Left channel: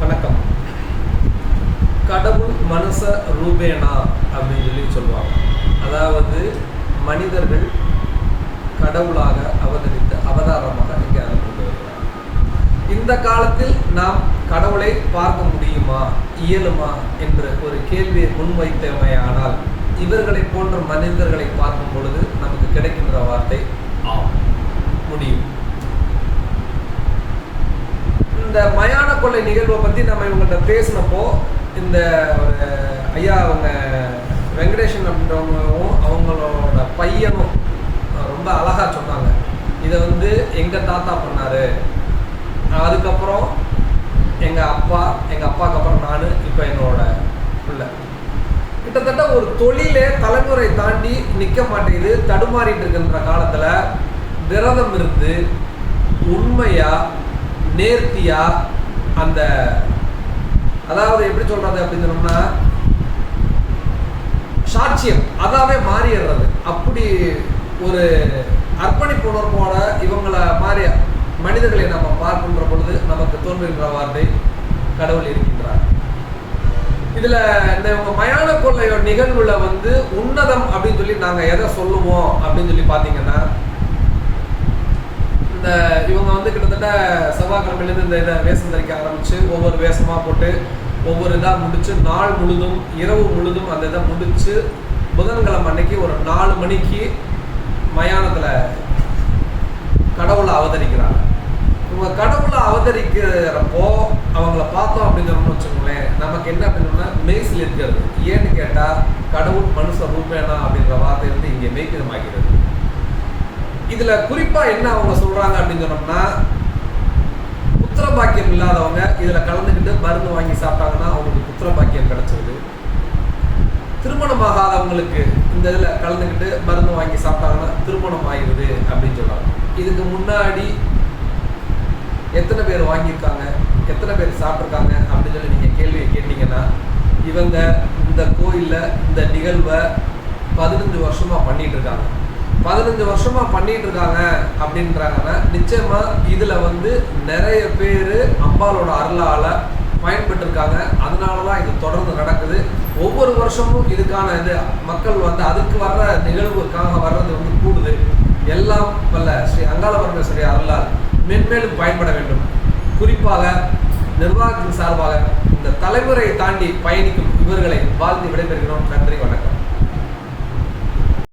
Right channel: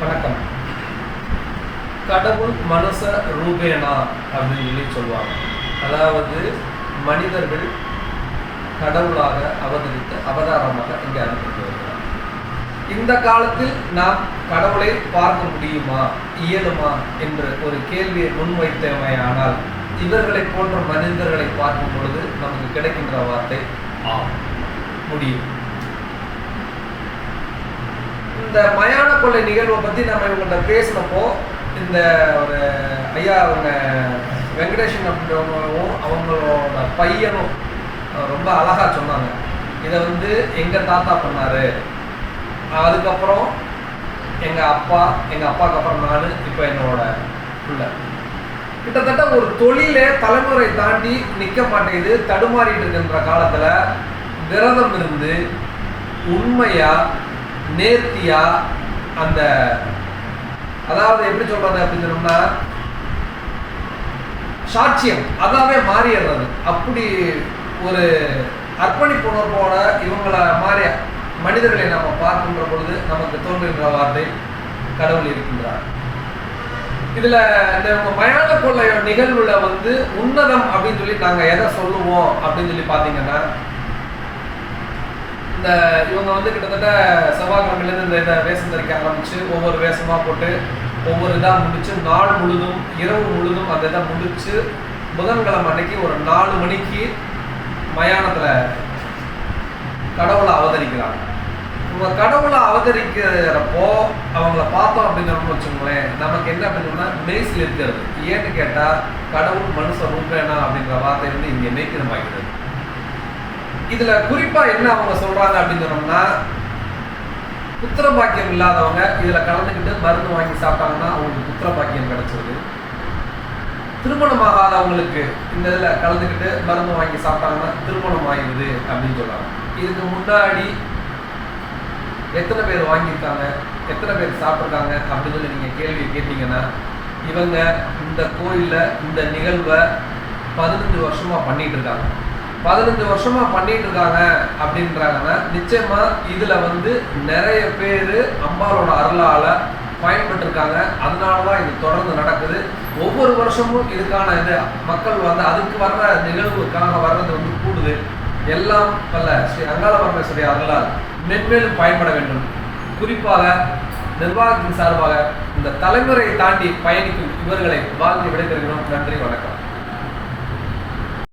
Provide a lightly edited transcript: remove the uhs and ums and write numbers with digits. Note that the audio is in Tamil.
வணக்கம். கடவுள் மனுஷ ரூபேனா அப்படின்னு சொல்லுவாங்க. அதாவது மனிதர்கள் கடவுளாக அவதரித்த அவதாரமாக இங்கே அனுப்பி வருகிறார். இந்த காலத்தில் நாம் கடவுளை பார்க்க முடியுமா, இயலுமா என்று ஒரு கேள்வியை முன்வைத்தமையானால் இவர்களை போன்ற மனிதர்களை பார்க்கும் பொழுது நமக்கு கிடைக்கின்ற வார்த்தை ஆம், முடியும். இந்த மயான கொள்ளை நிகழ்வை பற்றி நம்ம இவங்கள்ட்ட பேசினப்போ இந்த ஒரு ஐயா அவங்க வெங்கடேஷன் அப்படின்றவங்களும் அவங்களோட பையனும் ரொம்ப அழகாக சொன்னாங்க. இதை எங்கள் தாத்தா பண்ணார், அதுக்கப்புறம் எங்கள் அப்பாவுக்கு அப்புறம் நான், இப்போ என்னோட பிள்ளை. கிட்டத்தட்ட ஒரு தொழிலே தலைமுறை தாண்டி நிற்க மாட்டேங்குது, தடுமாறிட்டு இருக்கின்ற காலத்தில் விரதம் இருந்து உண்மையாக நேர்த்தியா அந்த அதாவது எப்படி சொல்றது அப்படின்னு சொன்னோம்னா சாட்சியம் அதாவே மாறிடுறது. அப்படி ஒரு அர்ப்பணிப்பு உணர்வோட இவங்களை மாறிய மனிதர்களை நம்ம பார்க்கின்ற பொழுது நமக்கு தோன்றுகின்ற வார்த்தை கடவுள் இருக்கின்றார். இதுல இந்த மயான கொள்ளை நிகழ்வுல உன்னதம் அப்படின்னு சொல்லி நாங்க எதை சொல்லுவோம் அப்படின்னு சொல்லி பாத்தீங்கன்னா, இந்த இவங்க கிட்டத்தட்ட செவ்வாய்க்கிழமையிலேருந்து இந்த வேஷம் தரிக்க ஆரம்பித்து ஒவ்வொரு வேஷமாக போட்டு ஒவ்வொரு இதாக முடித்து நாள் முழுதும் இரவு முழுதும் அந்த இதை முடித்து புதன்கிழமை அன்னைக்கு ஒரு 4 மணிக்கு மயானத்தில் கடவுளை அவதரிக்கிறாங்க. இவங்க கடவுளை அவதரிக்கிறப்போ அவங்கள பார்த்தோம் அப்படின்னு சொல்லணும்னு வச்சுக்கோங்களேன், நமக்கு என்ன அப்படின்னா மெய்சில் இருக்கிறது. ஏன்னு கேட்டால் கடவுள் மனுஷ ரூபேனா அப்படின்ற வார்த்தை இங்கே மெய்க்கிரமாகிறது. இதுல குறிப்பா என்ன அவங்க சொல்றாங்க அப்படின்னு சொன்னோம்னா, புத்திர பாக்கியம் இல்லாதவங்க இதுல கலந்துக்கிட்டு மருந்து வாங்கி சாப்பிட்டாங்கன்னா அவங்களுக்கு புத்திர பாக்கியம் கிடைச்சிருது. திருமணமாகாதவங்களுக்கு இந்த இதுல கலந்துக்கிட்டு மருந்து வாங்கி சாப்பிட்டாங்கன்னா திருமணம் ஆகிடுது அப்படின்னு சொல்றாங்க. இதுக்கு முன்னாடி எத்தனை பேர் வாங்கியிருக்காங்க, எத்தனை பேர் சாப்பிட்ருக்காங்க அப்படின்னு சொல்லி நீங்க கேள்வியை கேட்டீங்கன்னா, இவங்க இந்த கோயில்ல இந்த நிகழ்வை 15 வருஷமா பண்ணிட்டு இருக்காங்க. 15 வருஷமா பண்ணிட்டு இருக்காங்க அப்படின்றாங்கன்னா நிச்சயமா இதுல நிறைய பேர் அம்பாலோட அருளால பயன்பட்டுருக்காங்க. அதனாலதான் இது தொடர்ந்து நடக்குது. ஒவ்வொரு வருஷமும் இதுக்கான இது மக்கள் அதுக்கு வர்ற நிகழ்வுக்காக வர்றது கூடுது. எல்லாம் வல்ல ஸ்ரீ அங்காள பரமேஸ்வரி அருளால் மென்மேலும் பயன்பட வேண்டும். குறிப்பாக நிர்வாகத்தின் சார்பாக இந்த தலைமுறையை தாண்டி பயணிக்கும் இவர்களை வாழ்ந்து விடைபெறுகிறோம். நன்றி, வணக்கம்.